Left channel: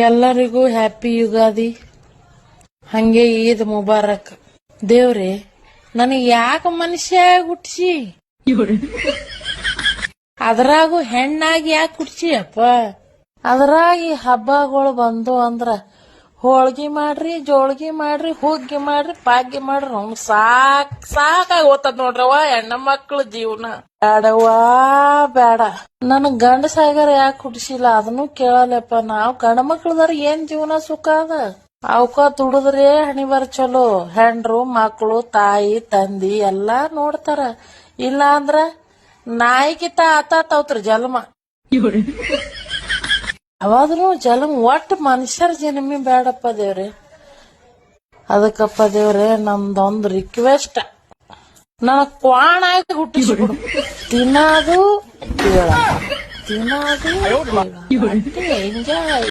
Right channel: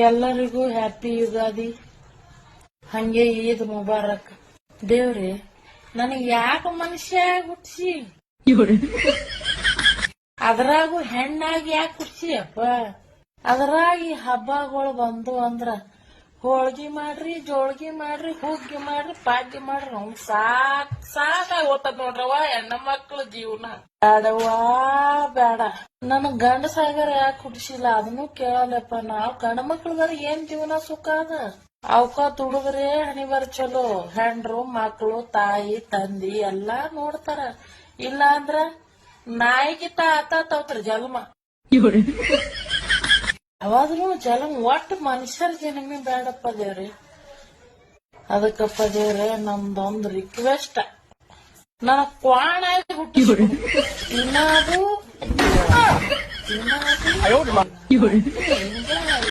ಎಲ್ಲರಿಗೂ ಹ್ಯಾಪಿ ಯುಗಾದಿ, ಹಂಗೆ ಈದ್ ಮುಬಾರಕ್. ದೇವ್ರೆ, ನನಗ್ ಯಾಕ ಮನುಷ್ಯ ಹುಟ್ಸಿ, ಅದ್ರಾಗೂ ಹೆಣ್ಣಾಗಿ ಯಾಕೆ ಹುಟ್ಸಿ ಅಪ್ಪ. ಅದ್ರಾಗ ಈ ಹಬ್ಬಗಳು ಬಂದು ಅಂದ್ರ ಹೋಳ್ಗಿ ಮಾಡ್ರಿ, ಜೋಳ್ಗಿ ಮಾಡ್ರಿ, ಹುಗ್ಗಿ ಮಾಡ್ರಿ, ಪಾಗ್ಗಿ ಮಾಡ್ರಿ, ನಮ್ಗ್ ಸಾಕಾಗಿ ಹೋತದ್ ನೋಡ್ರವ ಹೆಣ್ಣ ಮಕ್ಳ ಜೀವನ. ಬೇಡವಾ ಬೇಡ, ನನಗ್ ಗಂಡಸಾಗರ ಯಾಕೆ ಹುಡ್ಸಿಲ್ಲ ಅದನ್ನು ಕೇಳಲ್ಲಪ್ಪ. ನಾವ್ ಗಂಡ ಮಕ್ಳದಾರ ಏನ್ ಜೀವನ ಸುಖ ಅದ, ಅವಕ್ಕ ದುಡಿದ್ರೆ ಹಣಿಬಾರ ಚಲೋ. ಹೆಂಡ್ರು ಮಕ್ಳು ತಾಯಿ ತಂದಿ ಎಲ್ಲಾ ನೋಡ್ತಾರ. ಇಲ್ಲ ಅಂದ್ರ ನಾಯಿಕಿತ ಆತಾತವ್ರಿ ಜನ್ಮ. ಅವಾದ್ರೂ ಜನ್ಮ ಒಟ್ಟು ಮನುಷ್ಯರ ಜನ್ಮಿ ಬೇಡಪ್ಪ ದೇವ್ರೆ. ಅದಕ್ಕಪ್ಪ ದೇವ್ರೆ, ನಮ್ದೊಂದು ರಿಕ್ವೆಸ್ಟ್, ನನಗ್ ಕ್ವಾಣ ಆಗಿ ಹುಟ್ಟಿಸ್ಬಿಡು. ತಿನ್ನೋದು ತಿನ್ನೋದು